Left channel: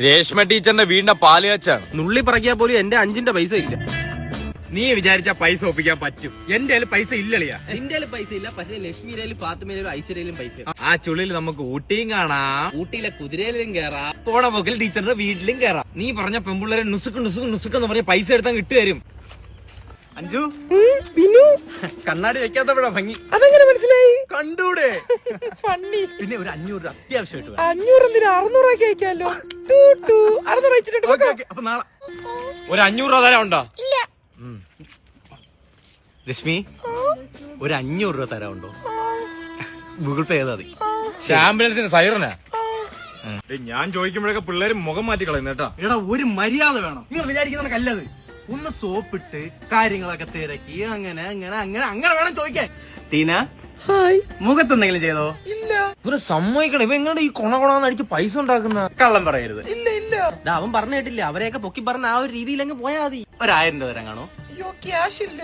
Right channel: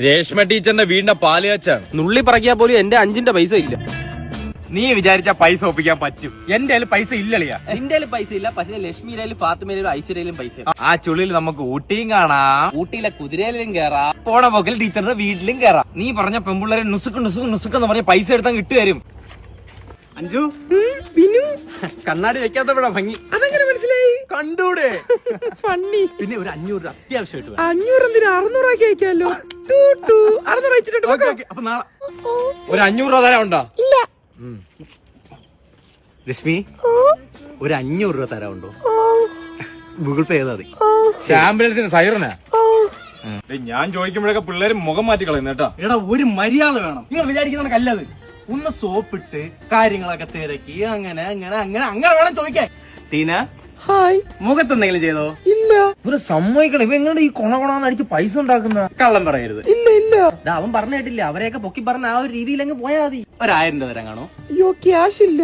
രേഷ്മ ടീച്ചറിന്റെ വീടിന്റെ പാല് കാച്ചാണ്. നുള്ളി പറക്കിയാ പോലും എന്റെ 5 പൈസ ഇല്ല. നീ വിചാരിച്ച പൈസ ഒപ്പിക്കാൻ പറ്റും. എന്റെ കയ്യിൽ പൈസ ഇല്ലളിയാ. നിന്റെ പൈസ ഇല്ല, പക്ഷെ ലക്ഷ്മിയിലും ഫാത്തിമയിലും ഐശ്വര്യയിലും പൈസ. ആ ചുള്ളിൽ നമുക്ക് ഊട്ടിയും കാണാം, ഊട്ടിയിലെ കുതിരയിലും കേറാം, പോണ പോക്കിൽ ടീച്ചറിന്റെ വീട്ടിലും കേറാം. നീ പറഞ്ഞ പെമ്പിള്ളേരെ നുസുക്ക് പറഞ്ഞ പൈസ എടുത്താൽ കിട്ടുവരും. അഞ്ചു പിന്നു കണ്ണാടി വെക്കാത്തപ്പോഴാ ഭംഗി. അതെങ്ങനെ മനസ്സിലായി? കണ്ടൂടെ? പിന്നെ ഒരു 500 അത്യാവശ്യമായിട്ട് വേണം. 500 ഓക്കെ അപ്പൊ നാളെ ഒരു 500 തരാൻ ഉണ്ടോ? രശ്മി, ഒരു 500 രൂപ തരാറുണ്ടോ? ഗൂഗിൾ പേ ചെയ്താൽ മതി. ആംബുലൻസിന് സൈറനാ. ഞാൻ ചോദിക്കുമ്പോഴൊക്കെ പിള്ളേര് മുഖം മാറ്റി കളയുന്ന കേട്ടോ. എടാ, ഒരു മര്യാദ വേണം. നിങ്ങൾ വിചാരിക്കുന്ന കല്ലത് ഒന്ന് സോപ്പിട്ട് കാര്യങ്ങളൊക്കെ തിരക്കി അങ്ങനെ അങ്ങനെ അങ്ങനെ അങ്ങനെ വേണം ചോദിക്കാൻ. ടീന, ഹായ്. മുഖത്ത് എന്തെങ്കിലും ചെയ്തോ? ഇല്ല. ഇവരെ സമ്മതിക്കണം. ഇവ എങ്ങനെ ഈ കൊണകൊണന്ന് അടിച്ച് പൈസ ഉണ്ടാക്കുന്ന? കള്ളം പറയരുത്. ഇല്ല ഇല്ല. അവൻ പറഞ്ഞു കേട്ടില്ല. അവരെയൊക്കെ പൊക്കി പറഞ്ഞ ആ ഒരു രീതിയിൽ അങ്ങ് പോയാ മതി. 1000 രൂപ തരാൻ കാണോ? അയ്യോ, ക്യാഷ് ഇല്ല.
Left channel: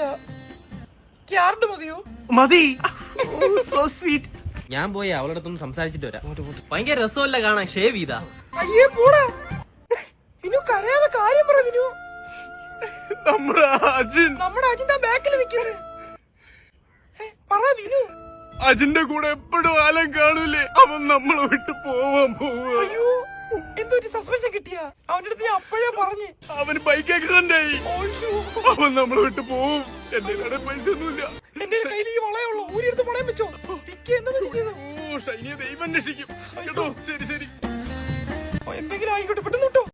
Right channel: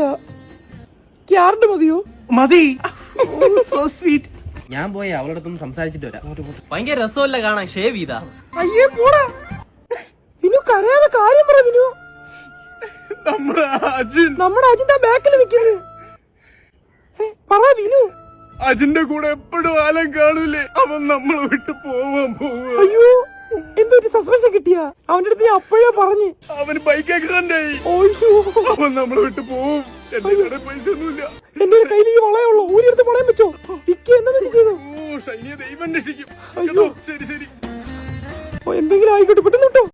ക്യാർഡ് മതിയോ? മതി. So sweet. ഞാൻ പോയി അവളുടെ അടുത്തൊന്ന് സംസാരിച്ചിട്ട് വരാം. ഭയങ്കര രസമല്ല കാണാൻ. ഷേവ് ചെയ്താ? അയ്യേ പോടാ. വിനു കരയാതെ കാര്യം പറ വിനു. നമ്മുടെ അജിന്റെ ബാക്കിൽ നിൽക്കുന്നു. പറ വിനു. അജിന്റെ കൂടെ എപ്പോഴും ആലം കാണൂലേ, അവൻ നമ്മളെ വിട്ട് പോവാൻ പോവുക. അയ്യോ, എന്തൊരു സസ്പെൻഷൻ കിട്ടിയ അവന്റെ അടുത്ത് അപ്പോഴേ പറഞ്ഞ്. അവന് ബൈക്ക് ആക്സിഡന്റ് ആയി. അവൻ നമ്മളെ വിട്ട് പോവും. എന്റെ കടയിൽ പൈസ ഒന്നുമില്ല. എന്റെ കയ്യിൽ ഈ വളയുള്ളൂ. ഊരിയെടുത്ത് വളയാൻ പറ്റുമോ? ഷൈനിയെ ദൈവം രക്ഷിക്കും കേട്ടോ. ശരി എന്തെങ്കിലും ആയിക്കോട്ടെ, പെട്ടെന്ന് കിട്ടോ.